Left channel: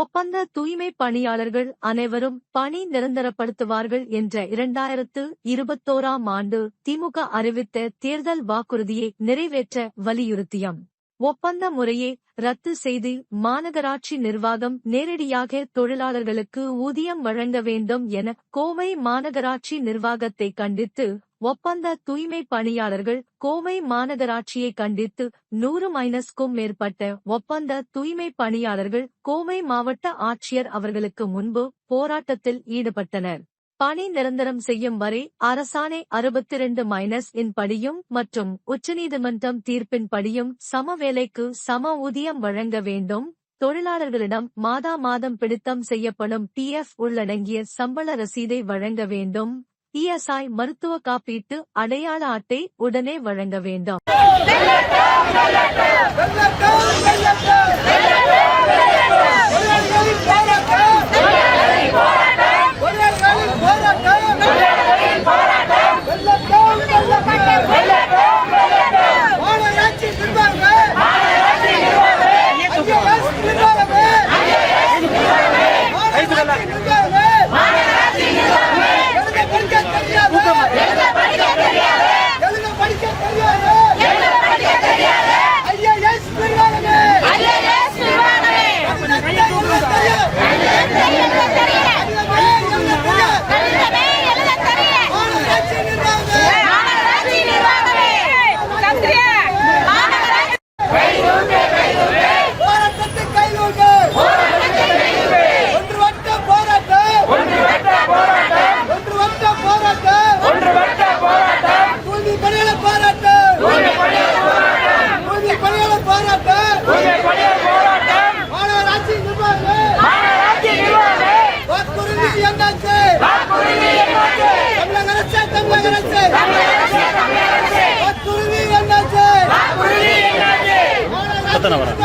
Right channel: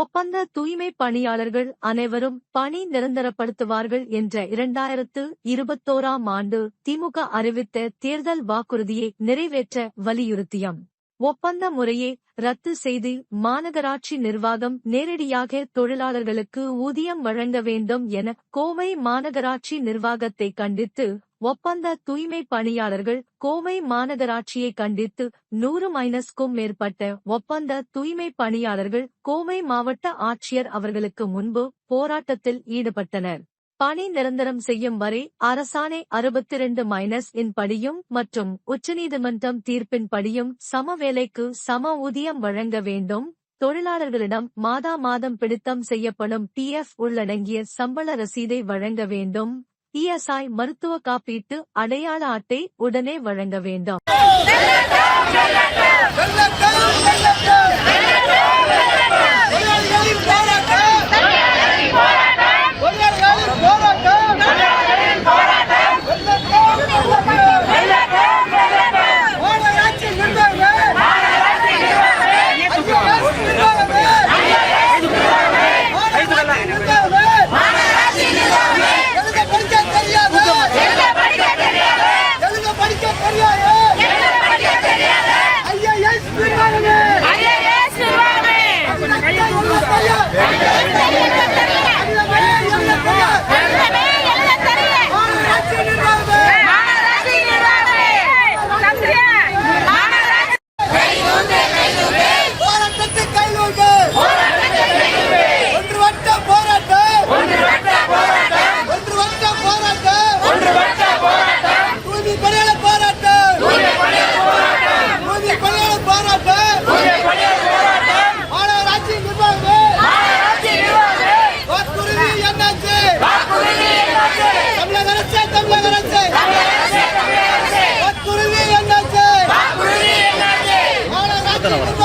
ஒப்பந்த தூய்மை பணியாளர்கள் அனைவரும் பணி நிரந்தரப்படுத்துவார்கள் என்ற 2021ஆம் ஆண்டு திமுக அறிவித்த தேர்தல் வாக்குறுதியை நிறைவேற்ற வலியுறுத்தியம். ஒப்பந்த முறையை ரத்து செய்து மாநகராட்சி நிர்வாகம் நேரடியாக தொழிலாளர்களுக்கு ஊதியம் வழங்க வேண்டும் என கோவை மாநகராட்சி நிர்வாகத்தை கண்டித்து ஒப்பந்த தூய்மை பணியாளர்கள் கோவை மாநகராட்சியை கண்டித்து 100க்கும் மேற்பட்ட ஒப்பந்த தூய்மை பணியாளர்கள் கோவை மாவட்ட ஆட்சியர் அவர்களுக்கு முன்பு போராட்டத்தில் ஈடுபட்டனர். பணி நிரந்தரம் செய்யும் வரை அரசாணை 62-இன் படியும் மற்றும் உச்சநீதிமன்றம் தீர்ப்பின் படியும் சம வேலைக்கு சம ஊதியம் வழங்க வேண்டும். தொழிலாளர்களிடம் மாதம் பிடித்தம் செய்யப்படும் PF உள்ளடங்கிய சம்பள ரசீதை வழங்க வேண்டும். ESI மருத்துவ காப்பீட்டு அடையாள அட்டை உடனே வழங்க வேண்டும். தமிழக அரசு